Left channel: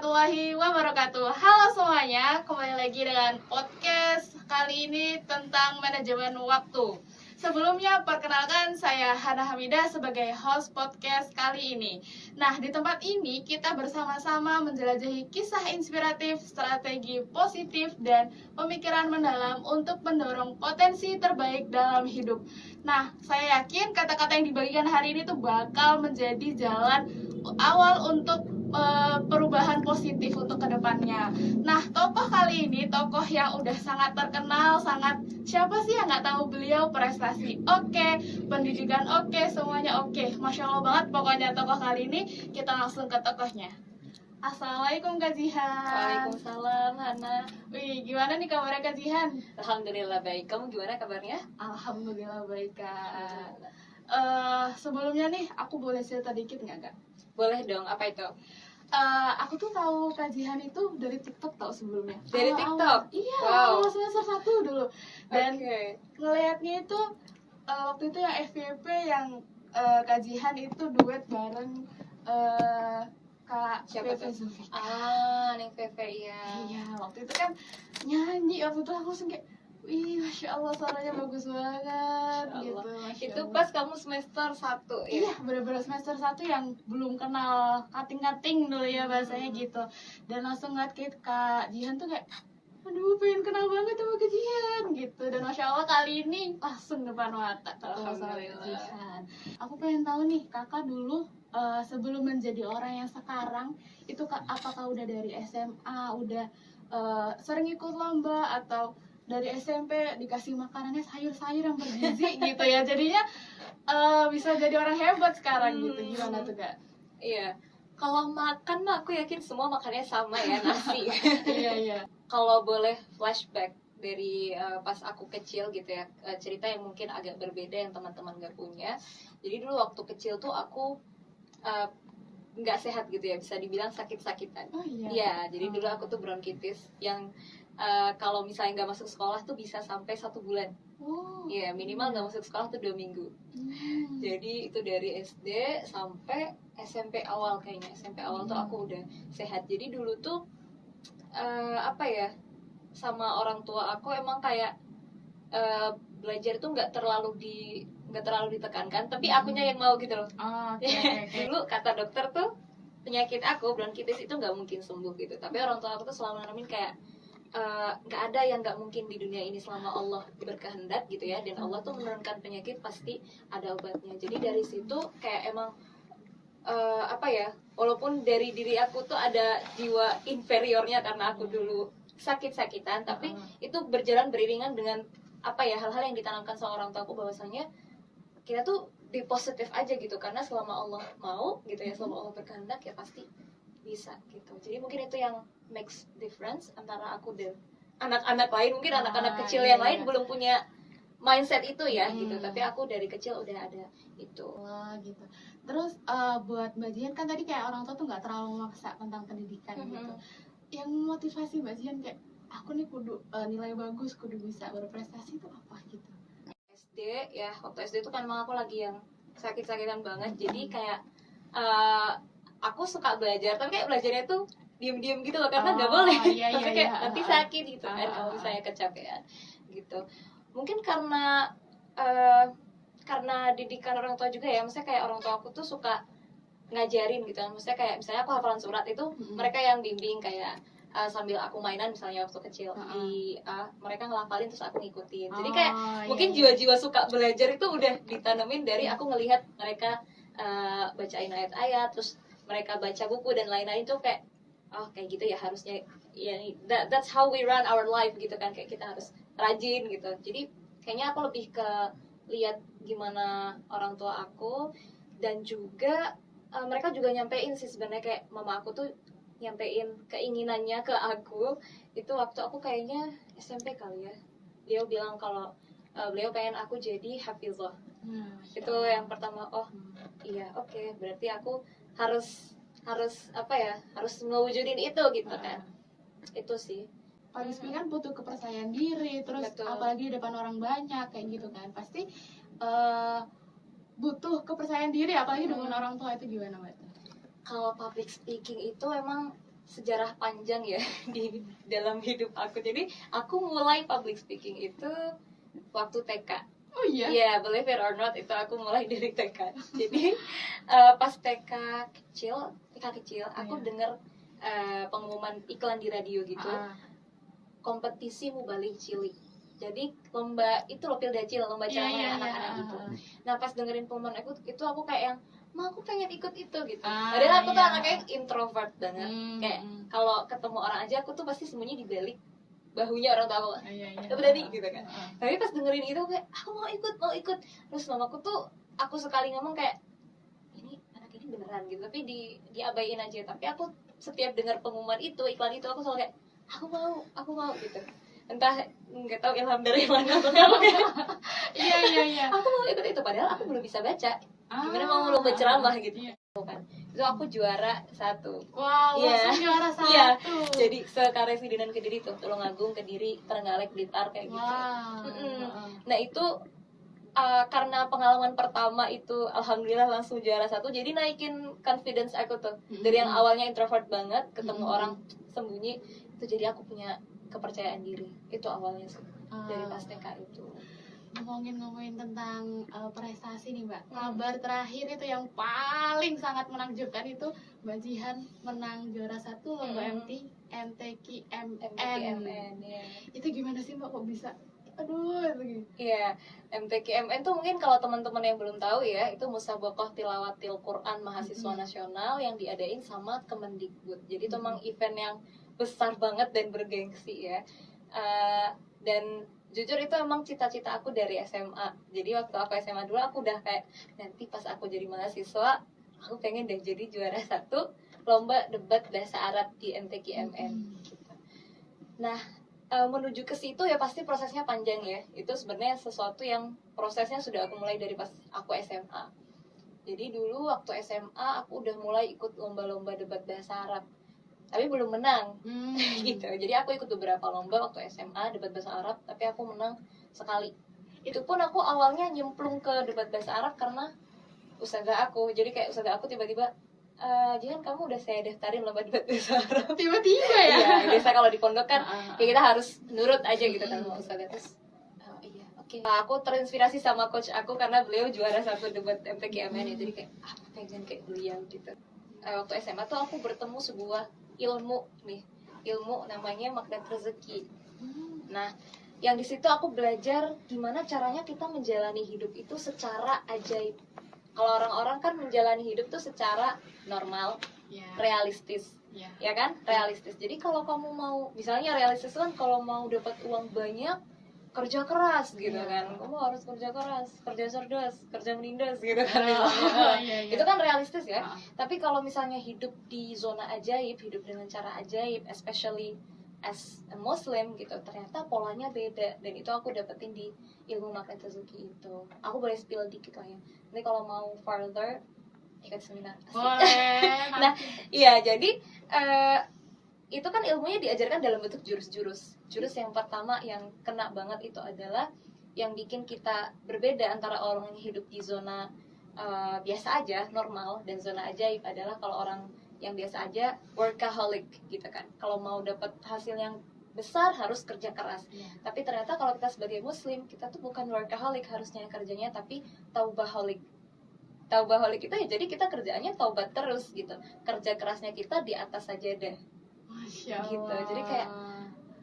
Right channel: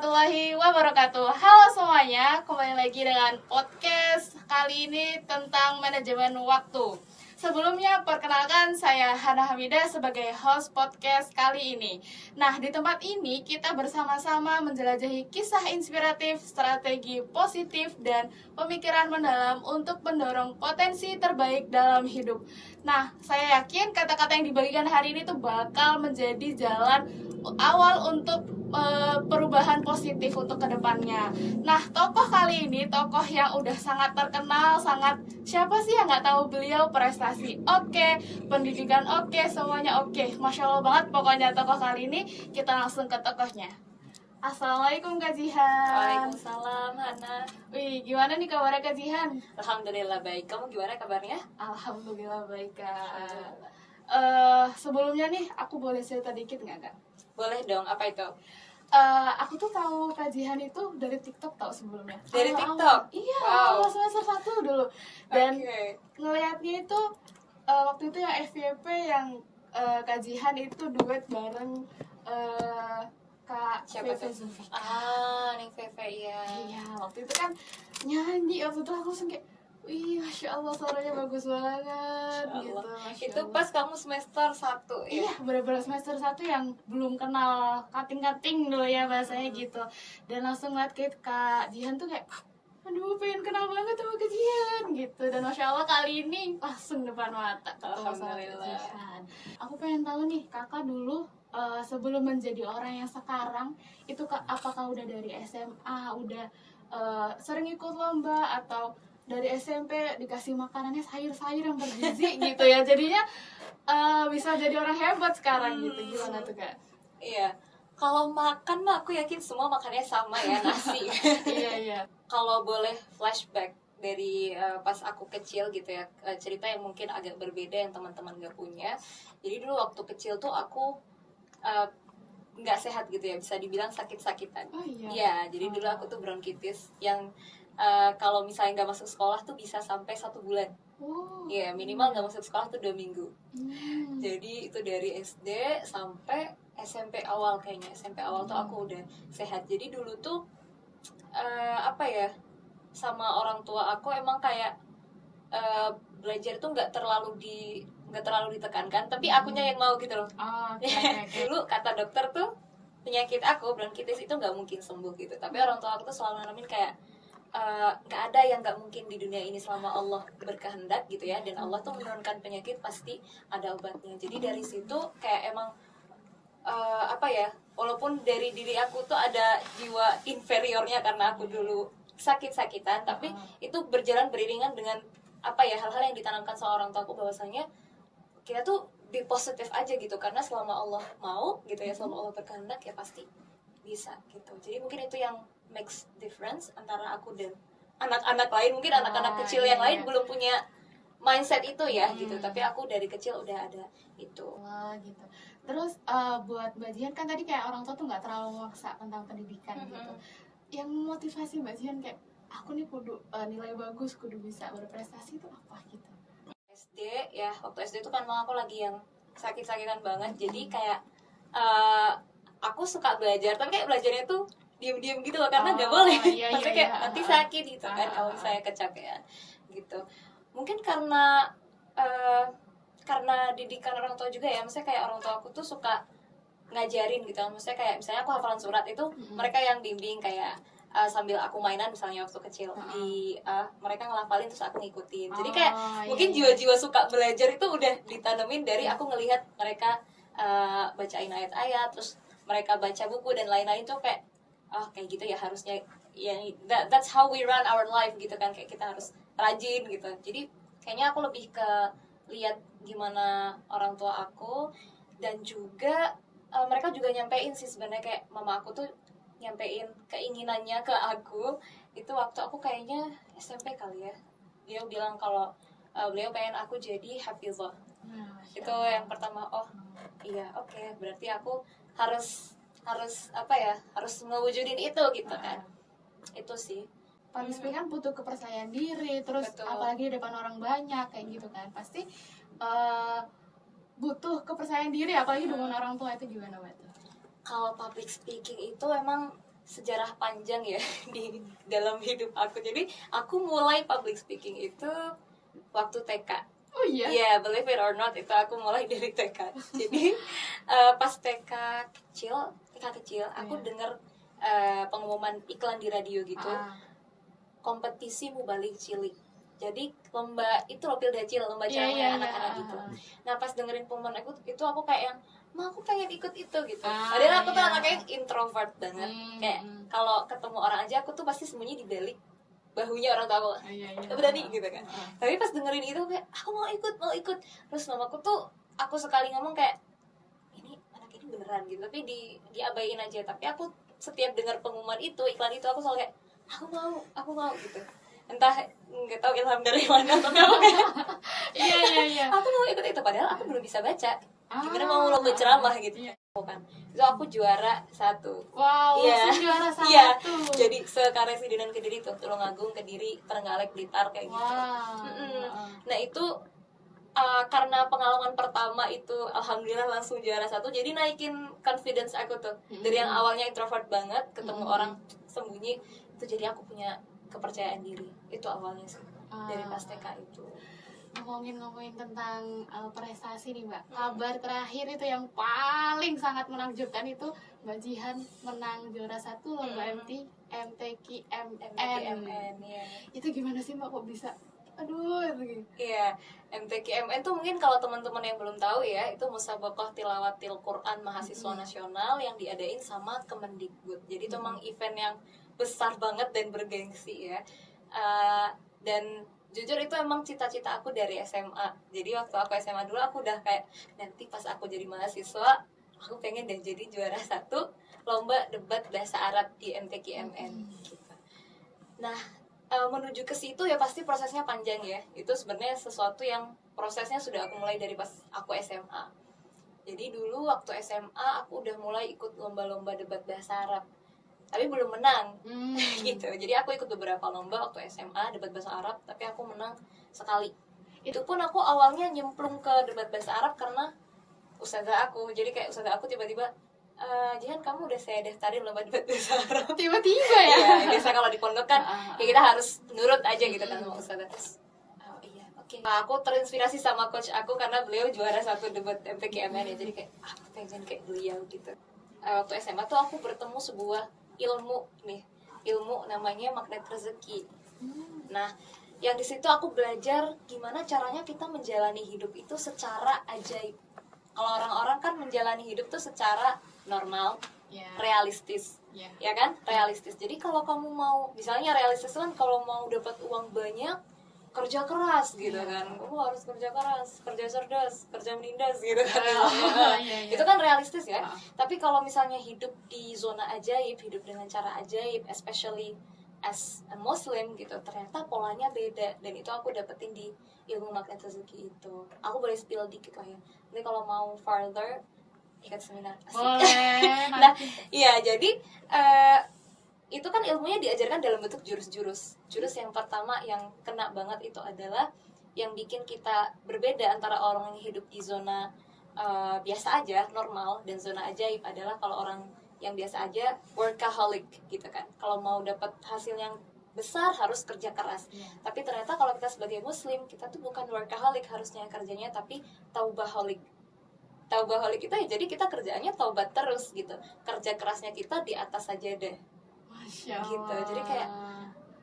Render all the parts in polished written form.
warahmatullahi wabarakatuh. Halo semuanya, kembali lagi dengan podcast kali ini tentang manajemen waktu. Sebelumnya perkenalkan saya Hana Hamidah sebagai host podcast kali ini. Nah, di tempat ini kita bersama-sama menjelajahi kisah inspiratif, strategi positif, dan pemikiran mendalam untuk mendorong potensi terbaik dalam hidup. Nah, saya yakin kata-kata yang dibagikan hari ini tuh bakal menjadi jalan awal untuk perubahan positif untuk kedepannya. Nah, tokoh kali ini tokoh yang udah sangat terkenal, siapa sih yang nggak tahu beliau, prestasi oke, pendidikan oke, semuanya oke. Masya Allah banget pokoknya tokoh kali ini. Kita langsung ke tokohnya. Assalamualaikum Kak Jihan. Waalaikumsalam Hana. Wih, gimana nih kabarnya Kak Jihan? Alhamdulillah baik. Kamu gimana kabarnya? Alhamdulillah baik Kak. Sebelumnya nih aku boleh cerita dikit nggak Kak? Boleh dong, apa itu? Aku tuh tahu Kak Jihan itu dari TikTok tau sebelumnya. Dari TikTok? Iya, Wow. semester 1 dulu. Dan Oke. ngelihatnya itu waktu itu yang FYP yang Kak Jihan itu duet bareng Kak Siapa Feve tuh? Zulfikar. Neng Feve ya. Iya, waktu itu kan nyanyi, waktu itu aku langsung kayak, wih, Masya Allah suaranya bagus banget gitu. Masya Itu Allah. pas kamu semester 1 ya? Iya, bener-bener semester 1 yang belum kenal kating-kating dulu ya bahasanya gitu. Dan langsung ngeliat kayak Kak Jihan tuh kayak, aduh pengen kenal banget sama Kak Jihan gitu. Dan Masya Allah kali ini langsung depan mata ketemu sama Kak Alhamdulillah. Jihan. Aku pengen tahu nih, kakak dulu sebelum menjadi orang yang sekarang itu apakah udah dari SMA, udah sering ikut lomba, atau dari SMP dikasih makanannya sayur-sayur yang bergizi gitu ya, jadinya bisa jadi orang hebat sekarang gitu. Gimana tuh Kak? Iya. Kalau makan mah aku yakin semua makannya sama ya, nasi. Iya. Kalau boleh flashback dari pas aku kecil gitu ya, cerita yang mungkin agak berbeda yang teman-teman gak punya. Jadi dulu waktu kecil tuh aku nggak sehat gitu ya, bisa dibilang sakit-sakitan. Oh iya. Iya, jadi dulu aku tuh bronkitis yang kalau misalnya nggak masuk sekolah tuh bisa sampai 1 bulan. Oh. Iya, minimal nggak masuk sekolah tuh 2 minggu. Hmm. Jadi itu dari SD sampai SMP awal kayaknya. SMP awal tuh aku udah sehat. Jadi dulu tuh apa ya, sama orang tua aku emang kayak belajar tuh nggak terlalu ditekankan, tapi akunya yang mau gitu loh. Oh, oke. Dulu kata dokter tuh penyakit aku bronkitis itu nggak mungkin sembuh gitu, tapi orang tua aku tuh selalu nanamin kayak nggak ada yang nggak mungkin di dunia ini selama Allah berkehendak gitu ya, dan Allah tuh menurunkan penyakit pasti ada obatnya. Jadi dari situ kayak emang apa ya, walaupun dari diri aku tuh ada jiwa inferiornya karena aku dulu sakit-sakitan, tapi itu berjalan beriringan dengan apa ya, hal-hal yang ditanamkan sama orang tua aku bahwasanya kita tuh be positif aja gitu, karena selama Allah mau gitu ya, selama Allah berkehendak ya pasti bisa gitu. Jadi mungkin itu yang makes difference antara aku dan anak-anak lain. Mungkin anak-anak kecil yang lain belum punya mindset itu ya gitu, tapi aku dari kecil udah ada itu. Wah gitu. Terus buat Mbak Jihan kan tadi kayak orang tua tuh nggak terlalu maksa tentang pendidikan gitu. Yang motivasi Mbak Jihan kayak aku nih kudu nilai bagus, kudu bisa berprestasi itu apa gitu? SD ya, waktu SD itu kan emang aku lagi yang sakit-sakitan banget. Jadi kayak aku suka belajar, tapi kayak belajarnya tuh diem-diem gitu loh, karena nggak boleh. Iya, Tapi kayak nanti sakit gitu kan kalau misalnya kecapean gitu. Mungkin karena didikan orang tua juga ya, maksudnya kayak orang tua aku tuh suka ngajarin gitu kan. Maksudnya kayak misalnya aku hafalan surat itu mereka yang bimbing, kayak sambil aku mainan misalnya waktu kecil mereka ngelafalin terus aku ngikutin. Jadi kayak mungkin jiwa-jiwa suka belajar itu udah ditanemin dari aku ngelihat mereka bacain ayat-ayat, terus mereka baca buku dan lain-lain tuh kayak kayak gitu ya harusnya ya, that's how we run our life gitu kan, kayak kita harus rajin gitu. Jadi kayaknya aku lebih ke lihat gimana orang tua aku, dan juga mereka juga nyampein sih sebenarnya, kayak mama aku tuh nyampein keinginannya ke aku itu waktu aku kayaknya SMP kali ya. Dia bilang kalau beliau pengen aku jadi hafizah. Itu yang pertama. Iya, oke, berarti aku harus apa ya, harus mewujudin itu gitu kan. Itu sih. Partisipasi kan butuh kepercayaan diri, terus Betul. apalagi di depan orang banyak kayak gitu kan, pasti butuh kepercayaan diri apalagi dengan orang tua. Itu gimana Mbak? Kalau public speaking itu emang sejarah panjang ya di dalam hidup aku. Jadi aku mulai public speaking itu waktu TK. Oh iya? Iya, believe it or not, itu aku mulai dari TK. Jadi pas TK kecil, aku Iya. dengar pengumuman iklan di radio gitu, kompetisi mubalik cilik. Jadi lomba itu loh Pildacil, lomba Iya, caranya iya, anak-anak iya. gitu. Nah pas dengerin pengumuman itu aku kayak yang, ma aku pengen ikut itu gitu. Ah, Padahal aku tuh iya. anaknya introvert banget. Kayak kalau ketemu orang aja aku tuh pasti sembunyi di balik bahunya orang tua aku. Iya, iya. Gak berani gitu kan. Tapi pas dengerin itu kayak aku mau ikut. Terus mamaku tuh aku sekali ngomong kayak ini anak ini beneran gitu, tapi diabaiin aja. Tapi aku setiap dengar pengumuman itu, iklan itu, aku selalu kayak aku mau gitu. Entah nggak tahu ilham dari mana, tapi aku kayak Iya. aku mau ikut itu, padahal aku belum bisa baca. Gimana mau lomba ceramah gitu Iya. kan. Itu aku juara 1. Wow, Iya. langsung juara 1. Iya. Jadi sekaresidenan Kediri tuh, Tulungagung, Kediri, Trenggalek, Blitar kayak gitu. Wow. Nah itu karena pengalaman pertama itu alhamdulillah langsung juara 1, jadi naikin confidence aku tuh. Dari yang awalnya introvert banget, ketemu orang sembunyi, itu jadi aku punya kepercayaan diri. Itu awalnya sih dari pas TK itu. Ngomongin tentang prestasi nih Mbak, kabar terakhir itu yang paling sangat menakjubkan itu Mbak Jihan menang juara 1 lomba MTQ-MN. Ya. Itu gimana sih Mbak, kok bisa? Aduh, itu gitu. Iya, MTQ-MN tuh mungkin kalau teman-teman yang belum tahu ya, itu Musabaqah Tilawatil Quran Mahasiswa Nasional yang diadain sama Kemendikbud. Jadi itu memang event yang besar banget dan bergengsi ya. Dan jujur itu emang cita-cita aku dari SMA. Jadi waktu aku SMA dulu aku udah kayak, nanti pas aku jadi mahasiswa aku pengen deh jadi juara 1 lomba debat bahasa Arab di MTQ-MN gitu. Nah menuju ke situ ya pasti prosesnya panjang ya. Itu sebenarnya sesuatu yang prosesnya sudah aku mulai dari pas aku SMA. Jadi dulu waktu SMA aku udah mulai ikut lomba-lomba debat bahasa Arab, tapi belum menang gitu. Jadi aku ikut beberapa lomba waktu SMA debat bahasa Arab, tapi aku menang sekali. Itu pun aku awalnya nyemplung ke debat bahasa Arab karena ustazah aku. Jadi kayak ustazah aku tiba-tiba, Jihan kamu udah saya daftarin lomba debat bahasa Arab. Tiba-tiba ya? Iya, biasa kalau di pondok kan ya kita harus nurut aja gitu kan sama ustazah. Terus iya oke. Nah, aku terinspirasi sama coach aku karena beliau juara 1 debat MTQ-MN ya. Jadi kayak aku pengen kayak beliau gitu. Waktu SMA tuh aku bertemu sebuah ilmu namanya magnet rezeki. Nah, yang di situ aku belajar gimana caranya kita menjalani hidup itu secara ajaib. Kalau orang-orang kan menjalani hidup tuh secara normal, realistis, ya kan? Realistis. Jadi kalau kamu mau, misalnya realistis kan kalau mau dapat uang banyak, kerja keras gitu kan. Kamu harus kerja keras, kerja cerdas, kerja menindas gitu kan. Itu kan realistis ya. Tapi kalau misalnya hidup di zona ajaib, hidup dengan cara ajaib, especially as a Muslim gitu, ternyata polanya beda. Dan itu aku dapetin di ilmu magnet rezeki itu. Aku boleh spill dikit lah ya. Nanti kalau mau further ikut seminar. Boleh. Nah, iya jadi itu kan ilmunya diajarkan dalam bentuk jurus-jurus. Jurus yang pertama yang kena banget itu adalah yang bikin kita berbeda antara orang yang hidup di zona biasa aja, normal, dan zona ajaib adalah kalau orang yang biasa aja workaholic gitu kan. Kalau mau dapat hasil yang besar harus kerja keras. Tapi ternyata kalau kita sebagai muslim, kita tuh bukan workaholic harusnya kerjanya, tapi taubaholic. Taubaholic itu ya jadi kita kerjaannya taubat terus gitu. Kerja kerasnya kita di atas sajadah. Masya Allah. Gitu. Jadi kayak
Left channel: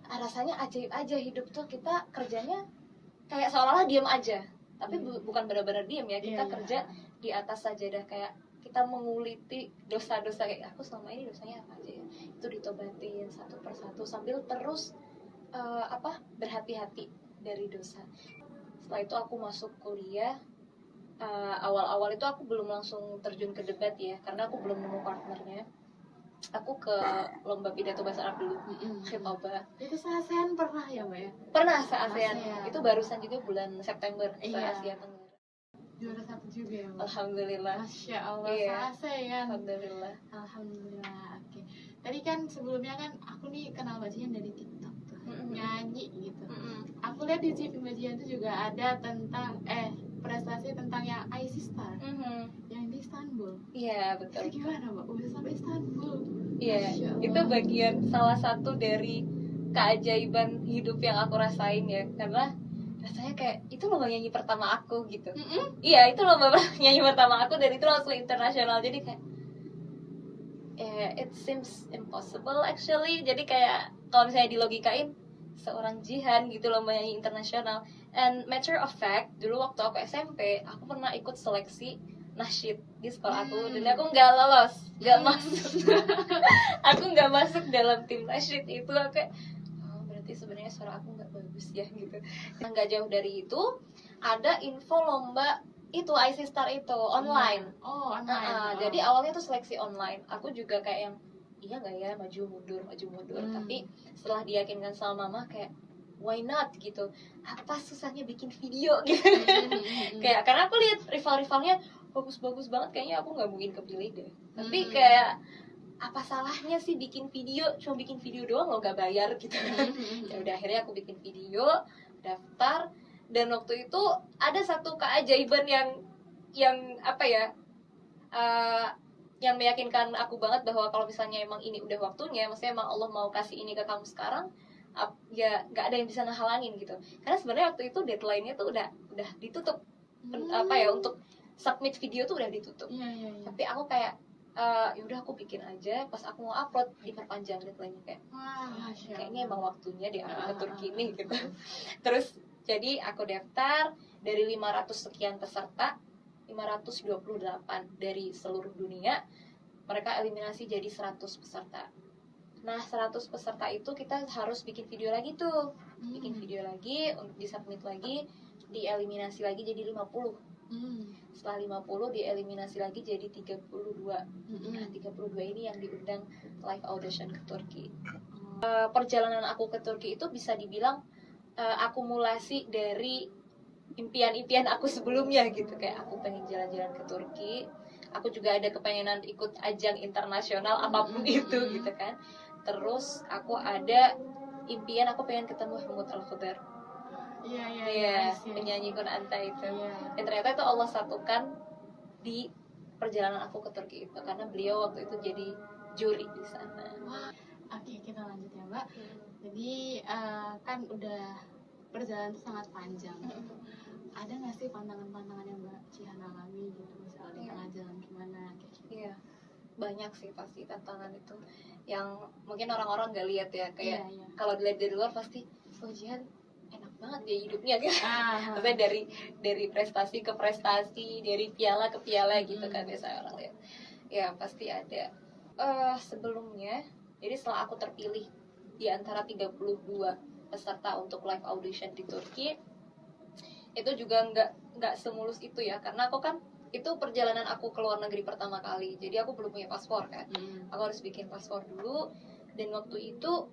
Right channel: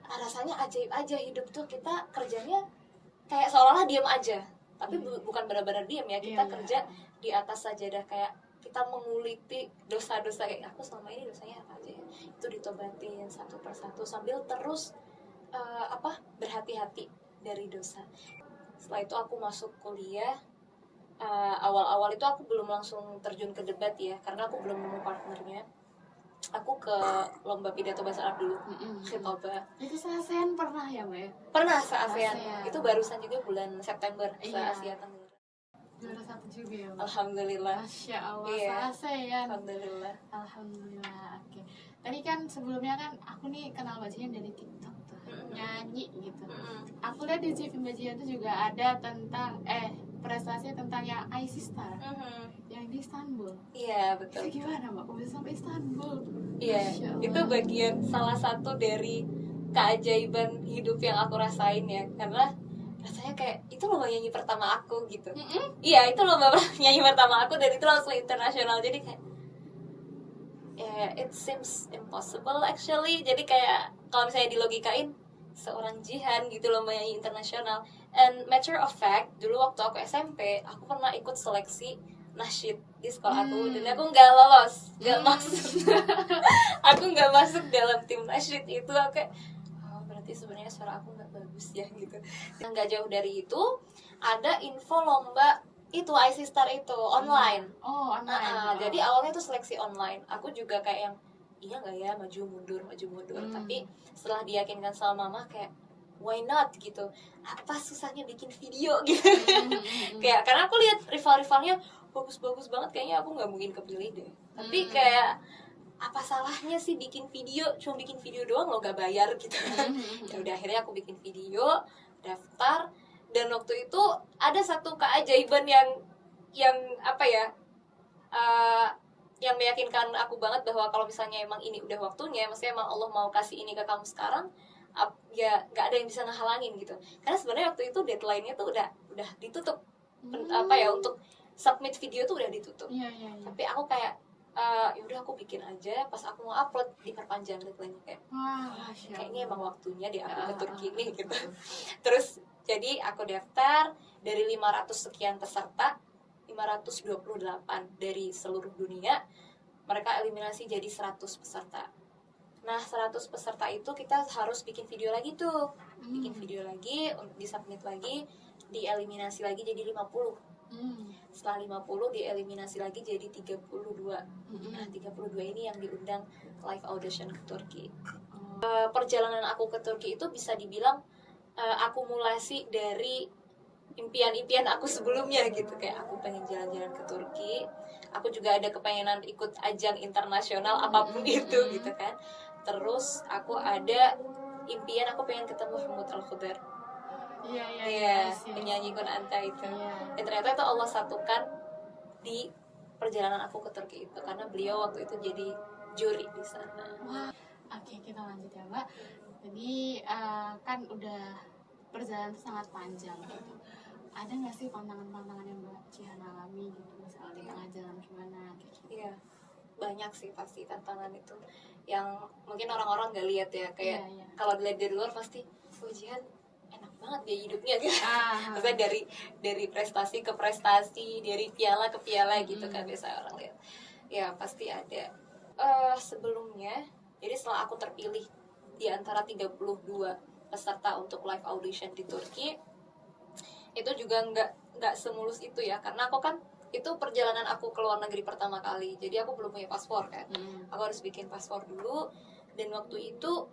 rasanya ajaib aja hidup tuh, kita kerjanya kayak seolah-olah diam aja. Tapi bukan benar-benar diam ya. Kita kerja di atas sajadah, kayak kita menguliti dosa-dosa kayak aku selama ini dosanya apa aja ya. Itu ditobatin satu persatu sambil terus berhati-hati dari dosa. Setelah itu aku masuk kuliah. Awal-awal itu aku belum langsung terjun ke debat ya, karena aku belum nemu partnernya. Aku ke lomba pidato bahasa Arab dulu, khitobah. Itu se-ASEAN pernah ya Mbak ya? Pernah se-ASEAN. Itu barusan juga bulan September, se-Asia Tenggara. Juara 1 juga ya Mbak? Alhamdulillah. Masya Allah, Iya. se-ASEAN. Alhamdulillah. Alhamdulillah, oke. Tadi kan sebelumnya kan aku nih kenal Mbak Jihan dari TikTok tuh, nyanyi gitu. Aku lihat di CV Mbak Jihan tuh juga ada tentang prestasi tentang yang IC Star yang di Istanbul. Iya betul. Itu gimana Mbak? Udah sampai Istanbul? Iya, Masya Allah. itu bagian salah satu dari keajaiban hidup yang aku rasain ya, karena rasanya kayak itu lomba nyanyi pertama aku gitu. Iya, itu lomba nyanyi pertama aku dan itu langsung internasional, jadi kayak it seems impossible actually. Jadi kayak kalau misalnya dilogikain seorang Jihan gitu lomba nyanyi internasional. And matter of fact, dulu waktu aku SMP, aku pernah ikut seleksi nasyid di sekolah aku dan aku nggak lolos, nggak masuk. Aku nggak masuk dalam tim nasyid itu. Aku kayak oh, berarti sebenarnya suara aku nggak bagus ya gitu. Yang nggak jauh dari itu ada info lomba itu IC Star itu online. Oh, online. Jadi awalnya tuh seleksi online. Aku juga kayak yang iya nggak ya maju mundur. Tapi setelah diyakinkan sama mama kayak why not gitu. Apa susahnya bikin video gitu. Kayak karena aku lihat rival-rivalnya bagus-bagus banget, kayaknya aku nggak mungkin kepilih deh. Tapi kayak apa salahnya sih bikin video, cuma bikin video doang lo gak bayar gitu kan. Ya udah akhirnya aku bikin video, daftar, dan waktu itu ada satu keajaiban yang apa ya, yang meyakinkan aku banget bahwa kalau misalnya emang ini udah waktunya, maksudnya emang Allah mau kasih ini ke kamu sekarang, ya nggak ada yang bisa ngehalangin gitu. Karena sebenarnya waktu itu deadline-nya tuh udah ditutup, apa ya, untuk submit video tuh udah ditutup. Iya. Tapi aku kayak yaudah aku bikin aja, pas aku mau upload diperpanjang deadline-nya kayak Wah, kayaknya emang waktunya deh aku ke Turki nih gitu. Terus jadi aku daftar dari 500 sekian peserta, 528 dari seluruh dunia, mereka eliminasi jadi 100 peserta. Nah 100 peserta itu kita harus bikin video lagi tuh, bikin video lagi, disubmit lagi, dieliminasi lagi jadi 50. Setelah 50 dieliminasi lagi jadi 32. Nah 32 ini yang diundang live audition ke Turki. Perjalanan aku ke Turki itu bisa dibilang akumulasi dari impian-impian aku sebelumnya gitu. Kayak aku pengen jalan-jalan ke Turki, aku juga ada kepengenan ikut ajang internasional apapun itu gitu kan. Terus aku ada impian aku pengen ketemu Mahmud Al-Khodar. Iya, penyanyi Kunanta itu. Dan ternyata itu Allah satukan di perjalanan aku ke Turki itu karena beliau waktu itu jadi juri di sana. Oke, kita lanjut ya Mbak. Jadi kan udah perjalanan itu sangat panjang gitu. Ada nggak sih pantangan-pantangan yang Mbak Jihan alami gitu, misalnya di tengah jalan gimana kayak gitu? Iya, banyak sih pasti tantangan itu yang mungkin orang-orang nggak lihat ya, kayak kalau dilihat dari luar pasti oh Jihan enak banget dia hidupnya gitu. Maksudnya dari prestasi ke prestasi, dari piala ke piala gitu kan biasa orang lihat. Ya pasti ada. Sebelumnya, jadi setelah aku terpilih di antara 32 peserta untuk live audition di Turki, itu juga nggak semulus itu ya, karena aku kan itu perjalanan aku ke luar negeri pertama kali, jadi aku belum punya paspor kan. Aku harus bikin paspor dulu, dan waktu itu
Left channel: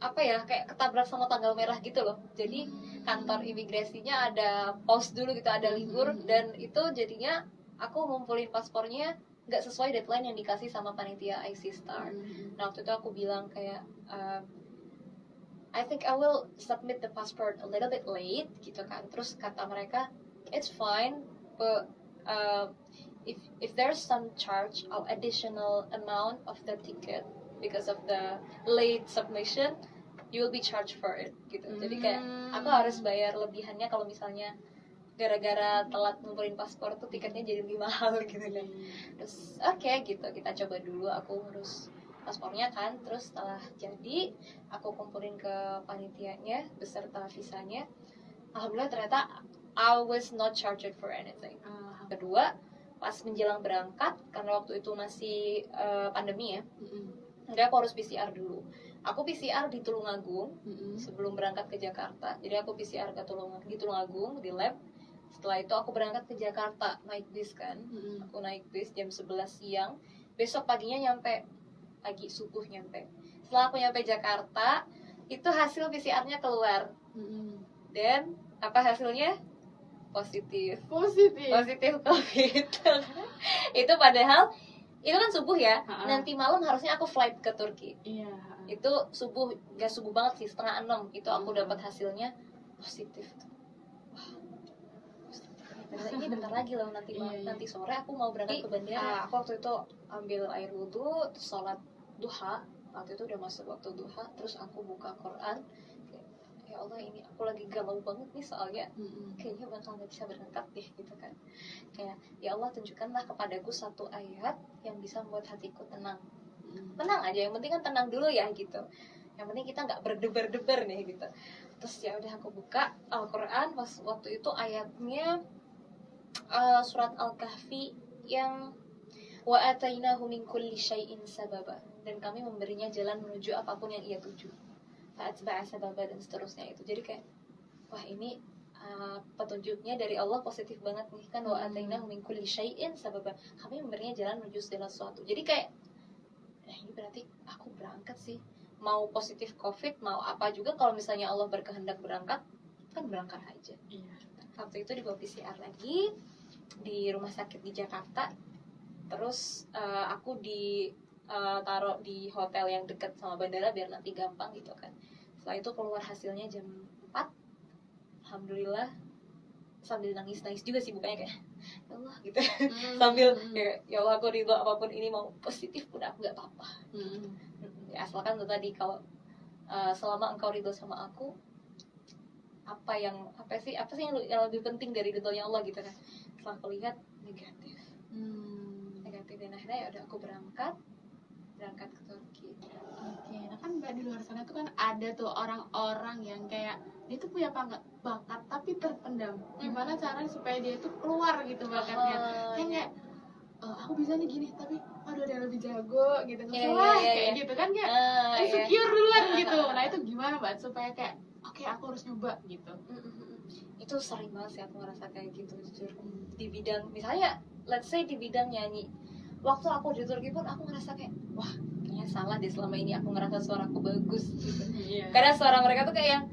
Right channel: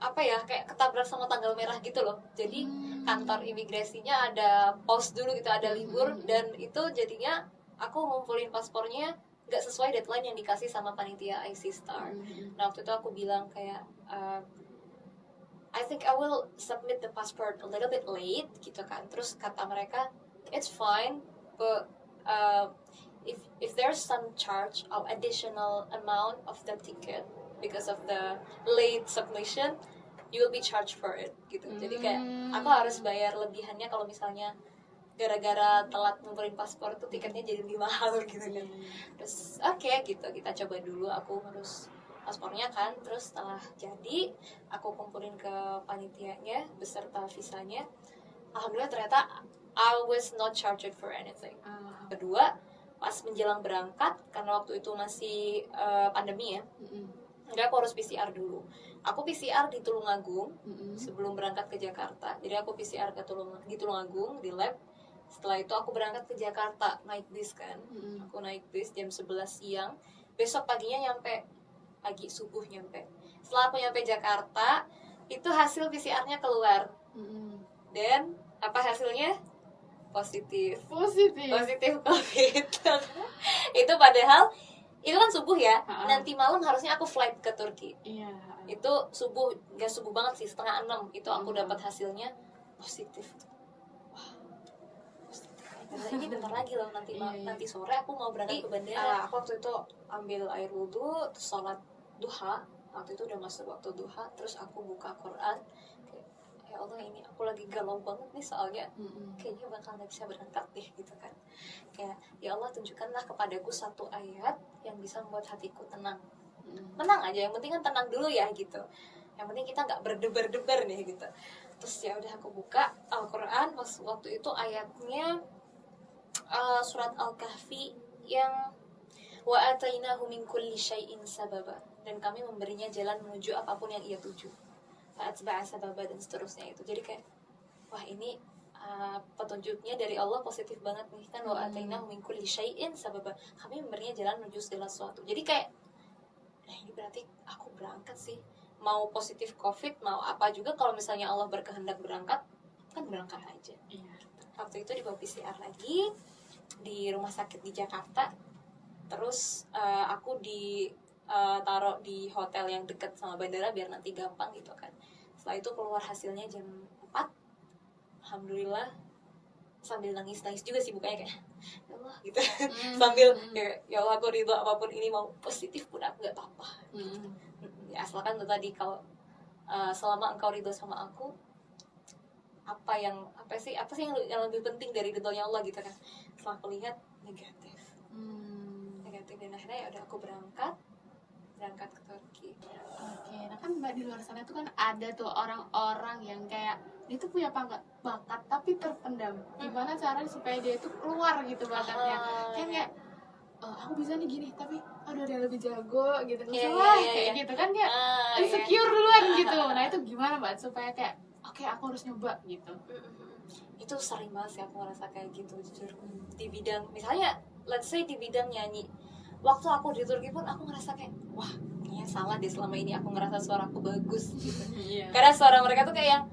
apa ya, kayak ketabrak sama tanggal merah gitu loh. Jadi kantor imigrasinya ada pause dulu gitu, ada libur, dan itu jadinya aku ngumpulin paspornya nggak sesuai deadline yang dikasih sama panitia IC Star. Nah waktu itu aku bilang kayak I think I will submit the passport a little bit late gitu kan. Terus kata mereka it's fine, but if there's some charge of additional amount of the ticket because of the late submission, you will be charged for it gitu. Jadi kayak aku harus bayar lebihannya kalau misalnya gara-gara telat ngumpulin paspor tuh tiketnya jadi lebih mahal gitu kan. Terus oke, gitu, kita coba dulu, aku ngurus paspornya kan. Terus setelah jadi aku kumpulin ke panitianya beserta visanya, alhamdulillah ternyata I was not charged for anything. Kedua, pas menjelang berangkat, karena waktu itu masih pandemi ya, enggak, aku harus PCR dulu. Aku PCR di Tulungagung sebelum berangkat ke Jakarta. Jadi aku PCR di Tulungagung di lab. Setelah itu aku berangkat ke Jakarta, naik bis kan. Aku naik bis jam 11 siang. Besok paginya nyampe, pagi subuh nyampe. Setelah aku nyampe Jakarta, itu hasil PCR-nya keluar. Dan apa hasilnya? Positif COVID. Itu padahal itu kan subuh ya. Nanti malam harusnya aku flight ke Turki. Itu subuh, gak subuh banget sih, 5:30 itu aku dapat hasilnya positif. Ini bentar lagi loh, nanti sore aku mau berangkat ke bandara. Aku waktu itu ambil air wudhu, terus sholat duha. Waktu itu udah masuk waktu duha, terus aku buka Quran kayak, ya Allah ini aku lagi galau banget nih soalnya kayaknya bakal nggak bisa berangkat deh gitu kan. Kayak ya Allah tunjukkanlah kepadaku satu ayat yang bisa membuat hatiku tenang. Tenang aja, yang penting kan tenang dulu ya gitu. Yang penting kita nggak berdebar-debar nih gitu. Terus ya udah aku buka Al-Quran, pas waktu itu ayatnya surat Al-Kahfi yang wa atainahu min kulli syai'in sababa, dan kami memberinya jalan menuju apapun yang ia tuju. Fa'atba'a sababa, dan seterusnya itu. Jadi kayak wah ini petunjuknya dari Allah positif banget nih kan, wa atainahu min kulli syai'in sababa, kami memberinya jalan menuju segala sesuatu. Jadi kayak nah ini berarti aku berangkat sih, mau positif COVID mau apa juga, kalau misalnya Allah berkehendak berangkat kan berangkat aja. Waktu itu dibawa PCR lagi di rumah sakit di Jakarta. Terus aku taruh di hotel yang dekat sama bandara biar nanti gampang gitu kan. Setelah itu keluar hasilnya jam 4. Alhamdulillah, sambil nangis-nangis juga sih bukanya kayak ya Allah gitu. Sambil kayak ya Allah aku ridho apapun ini, mau positif pun aku gak apa-apa. Ya asalkan tuh tadi, kalau selama engkau ridho sama aku, apa sih yang lebih penting dari ridhonya Allah gitu kan. Setelah aku lihat negatif, dan akhirnya ya udah aku berangkat ke Turki. Oke, nah kan Mbak di luar sana tuh kan ada tuh orang-orang yang kayak dia tuh punya bakat tapi terpendam. Gimana caranya supaya dia tuh keluar gitu bakatnya? Kayak aku bisa nih gini, tapi aduh ada yang lebih jago gitu. Kayak gitu kan, kayak insecure duluan gitu. Nah itu gimana Mbak supaya kayak oke, aku harus nyoba gitu? Itu sering banget sih aku ngerasa kayak gitu jujur. Di bidang misalnya let's say di bidang nyanyi, waktu aku di Turki pun aku ngerasa kayak wah kayaknya salah deh selama ini aku ngerasa suaraku bagus gitu. Karena suara mereka tuh kayak yang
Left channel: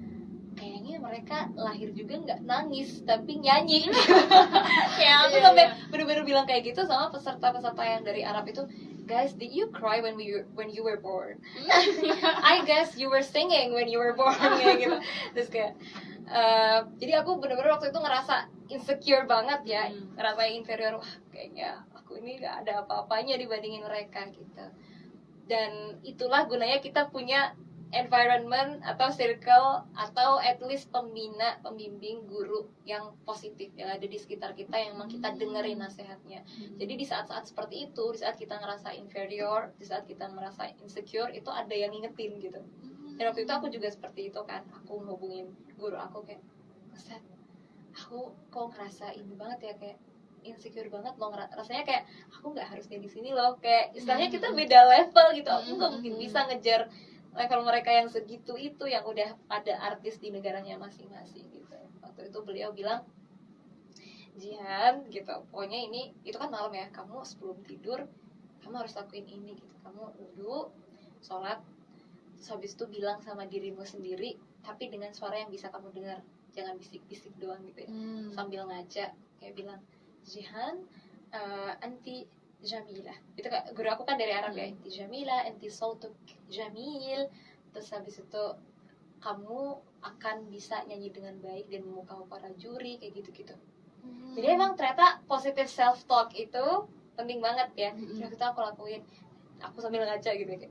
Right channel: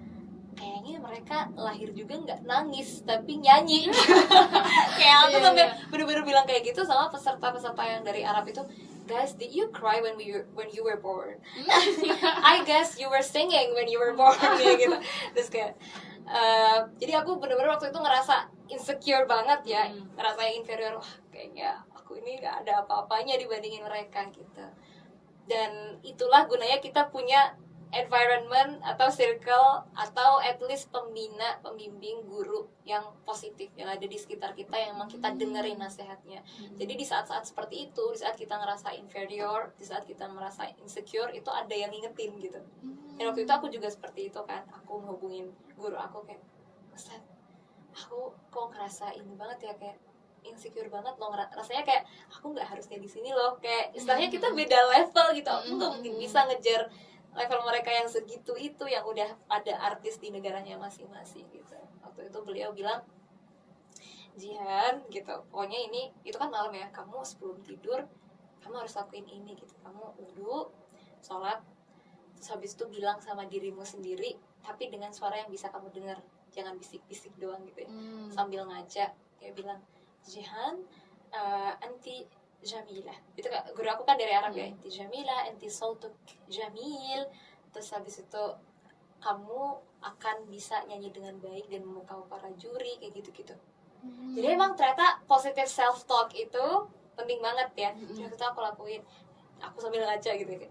kayaknya mereka lahir juga nggak nangis tapi nyanyi. Kayak aku sampai bener-bener bilang kayak gitu sama peserta-peserta yang dari Arab itu, guys, did you cry when you were born? I guess you were singing when you were born kayak gitu. Terus kayak jadi aku bener-bener waktu itu ngerasa insecure banget ya, ngerasa inferior. Wah kayaknya aku ini nggak ada apa-apanya dibandingin mereka gitu. Dan itulah gunanya kita punya environment atau circle atau at least pembimbing guru yang positif yang ada di sekitar kita, yang emang kita dengerin nasihatnya. Jadi di saat-saat seperti itu, di saat kita ngerasa inferior, di saat kita merasa insecure, itu ada yang ngingetin gitu. Dan waktu itu aku juga seperti itu kan, aku ngehubungin guru aku kayak, Ustaz, aku kok ngerasa ini banget ya, kayak insecure banget loh, rasanya kayak aku nggak harusnya di sini loh, kayak istilahnya kita beda level gitu, aku nggak mungkin bisa ngejar level mereka yang segitu itu, yang udah ada artis di negaranya masing-masing gitu. Waktu itu beliau bilang, Jihan gitu, pokoknya ini itu kan malam ya, kamu sebelum tidur kamu harus lakuin ini gitu, kamu duduk sholat, terus habis itu bilang sama dirimu sendiri tapi dengan suara yang bisa kamu dengar, jangan bisik-bisik doang gitu ya. Sambil ngajak kayak bilang, Jihan, anti Jamila. Itu kan guru aku kan dari Arab ya, anti Jamila, anti sautuk jamil. Terus habis itu kamu akan bisa nyanyi dengan baik dan memukau para juri, kayak gitu-gitu. Jadi emang ternyata positive self talk itu penting banget ya. Jadi itu aku lakuin. Aku sambil ngaca gitu kayak,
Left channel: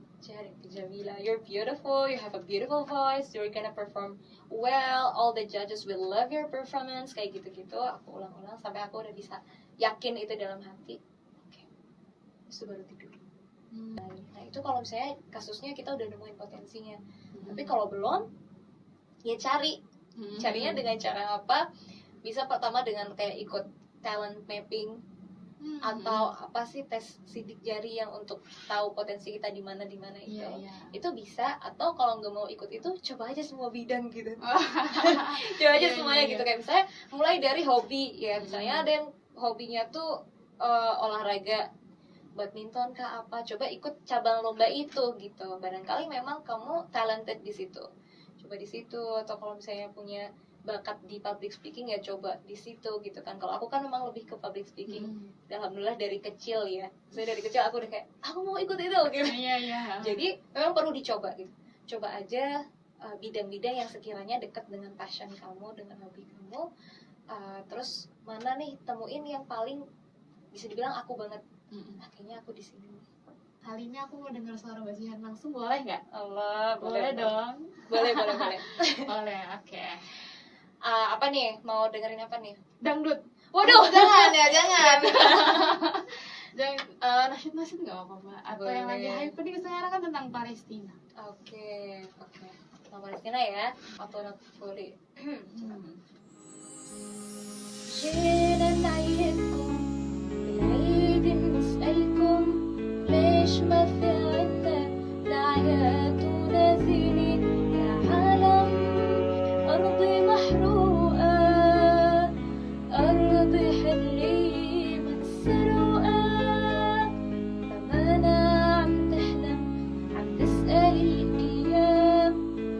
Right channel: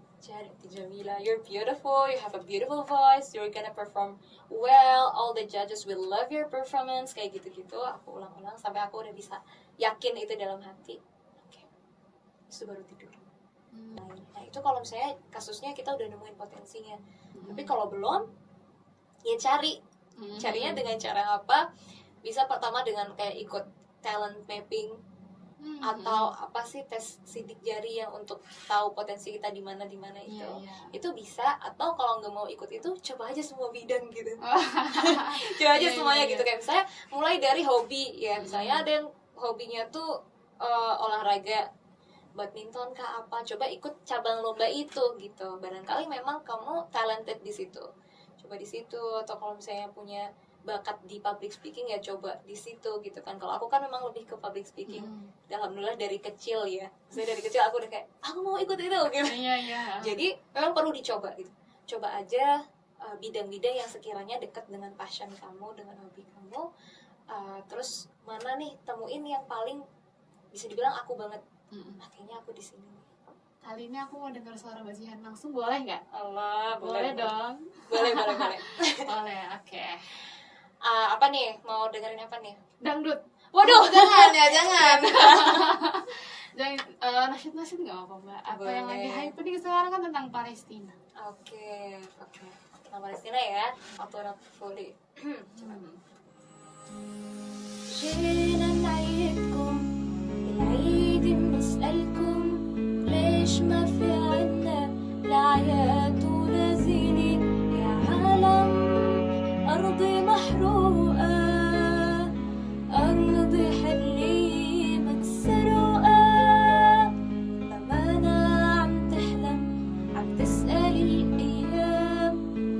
Jamila, you're beautiful, you have a beautiful voice, you're gonna perform well, all the judges will love your performance, kayak gitu-gitu. Aku ulang-ulang sampai aku udah bisa yakin itu dalam hati. Oke. Terus baru tidur. Nah itu kalau misalnya kasusnya kita udah nemuin potensinya. Tapi kalau belum, ya carinya dengan cara apa? Bisa pertama dengan kayak ikut talent mapping, atau apa sih, tes sidik jari yang untuk tahu potensi kita di mana itu. Itu bisa. Atau kalau nggak mau ikut itu, coba aja semua bidang gitu. Coba aja semuanya gitu. Kayak misalnya mulai dari hobi ya, misalnya ada yang hobinya tuh olahraga, badminton kah apa, coba ikut cabang lomba itu gitu. Barangkali memang kamu talented di situ, coba di situ. Atau kalau misalnya punya bakat di public speaking, ya coba di situ gitu kan. Kalau aku kan memang lebih ke public speaking. Alhamdulillah dari kecil ya. Saya dari kecil aku udah kayak aku mau ikut itu gitu. Jadi memang perlu dicoba gitu. Coba aja bidang-bidang yang sekiranya dekat dengan passion kamu, dengan hobi kamu. Terus mana nih, temuin yang paling bisa dibilang aku banget. Kayaknya aku di sini nih. kali ini aku mau dengar suara Mbak Jihan langsung, boleh nggak? Allah, Boleh dong. Boleh. Boleh, oke. Apa nih? Mau dengerin apa nih? Dangdut. Waduh, Jangan ya, jangan. Jangan nasyid nggak apa-apa Mbak. Atau yang lagi Boleh. hype nih sekarang kan tentang Palestina. Oke. Tentang Palestina ya. Atau not fully. جينا نعيدكم بالعيد بنسألكم ليش ما في عنا الأعياد ونازلين يا عالم أرضي محروقة أرضي حلي مكسروقة أمانة عم تحلم عم تسأل الأيام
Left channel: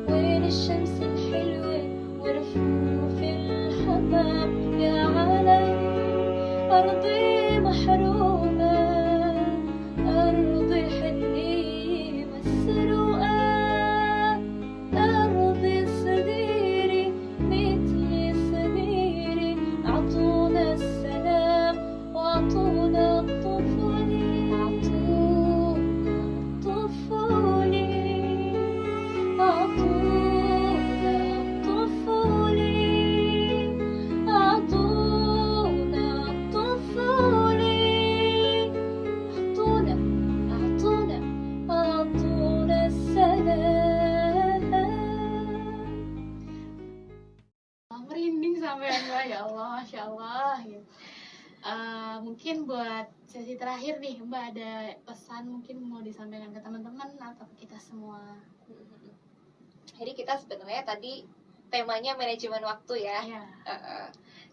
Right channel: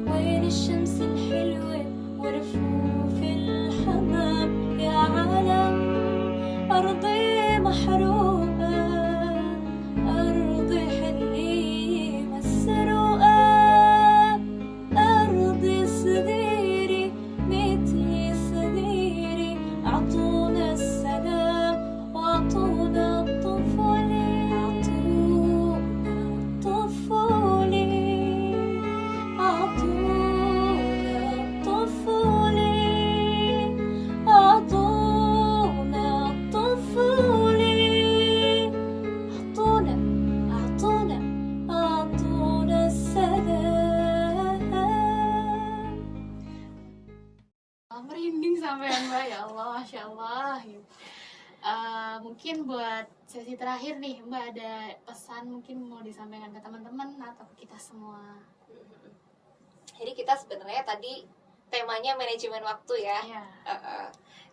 وين الشمس الحلوة ورفوف الحمام يا عالم أرضي محروقة أرضي حلي مسروقة أرضي صغيري مثلي صغيري أعطونا السلام وأعطونا الطفولة أعطونا الطفولة أعطونا الطفولة أعطونا الطفولة أعطونا السلام. Merinding sampai Mbak, ya Allah, Masya Allah. Mungkin buat sesi terakhir nih Mbak, ada pesan mungkin mau disampaikan ke teman-teman atau ke kita semua? Jadi kita sebenarnya tadi temanya manajemen waktu ya. Ya.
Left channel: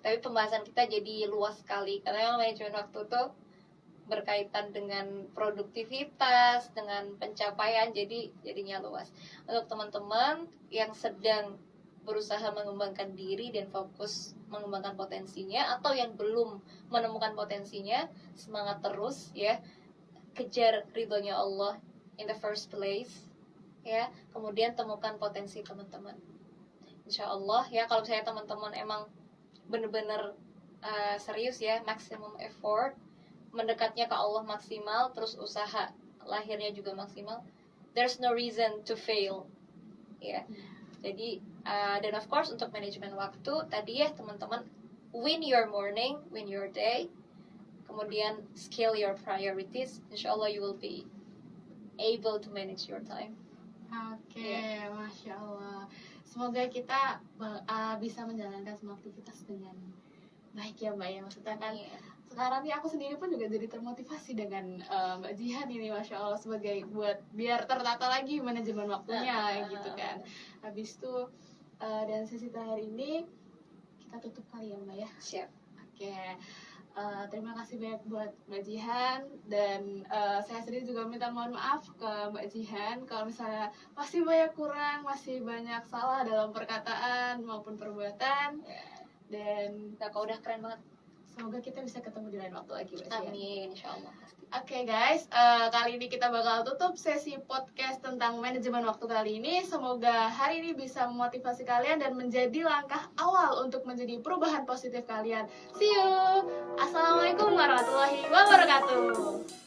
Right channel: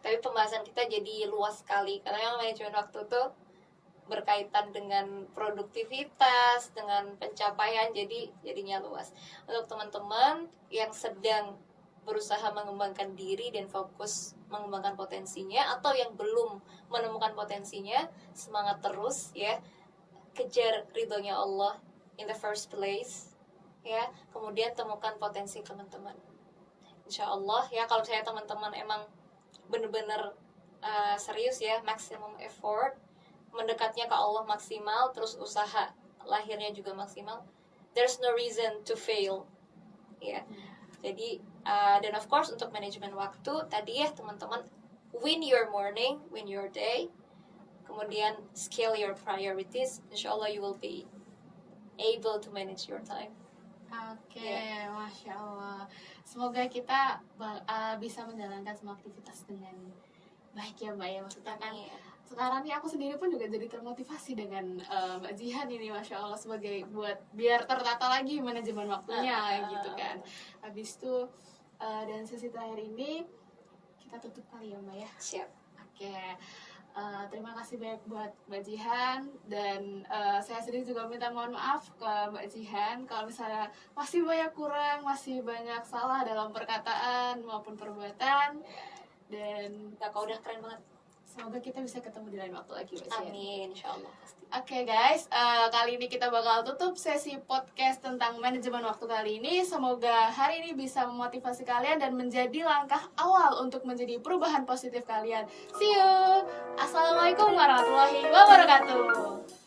Tapi pembahasan kita jadi luas sekali karena yang manajemen waktu tuh berkaitan dengan produktivitas, dengan pencapaian, jadinya luas. Untuk teman-teman yang sedang berusaha mengembangkan diri dan fokus mengembangkan potensinya, atau yang belum menemukan potensinya, semangat terus ya, kejar ridhonya Allah in the first place ya, kemudian temukan potensi teman-teman. Insya Allah ya, kalau misalnya teman-teman emang bener-bener serius ya, maximum effort, mendekatnya ke Allah maksimal, terus usaha lahirnya juga maksimal, there's no reason to fail ya. Jadi dan of course untuk manajemen waktu tadi ya teman-teman, win your morning, win your day, kemudian scale your priorities, insya Allah you will be able to manage your time. Oke, Masya Allah. Semoga kita bisa menjalankan semua aktivitas dengan baik ya Mbak ya. Maksudnya kan Iya. sekarang nih aku sendiri pun juga jadi termotivasi dengan Mbak Jihan ini, Masya Allah, sebagai buat biar tertata lagi manajemen waktunya gitu kan. Habis itu dan sesi terakhir ini kita tutup kali ya Mbak ya. Siap. Oke, terima kasih banyak buat Mbak Jihan, dan saya sendiri juga minta mohon maaf ke Mbak Jihan kalau misalnya masih banyak kurang, masih banyak salah dalam perkataan maupun perbuatan, dan Nah, kau udah keren banget. semoga kita bisa ketemu di lain waktu lagi Mbak Jihan. Amin, insya Allah pasti. Oke guys, kali ini kita bakal tutup sesi podcast tentang manajemen waktu kali ini. Semoga hari ini bisa memotivasi kalian dan menjadi langkah awal untuk menjadi perubahan positif kalian. See you. Assalamualaikum warahmatullahi wabarakatuh.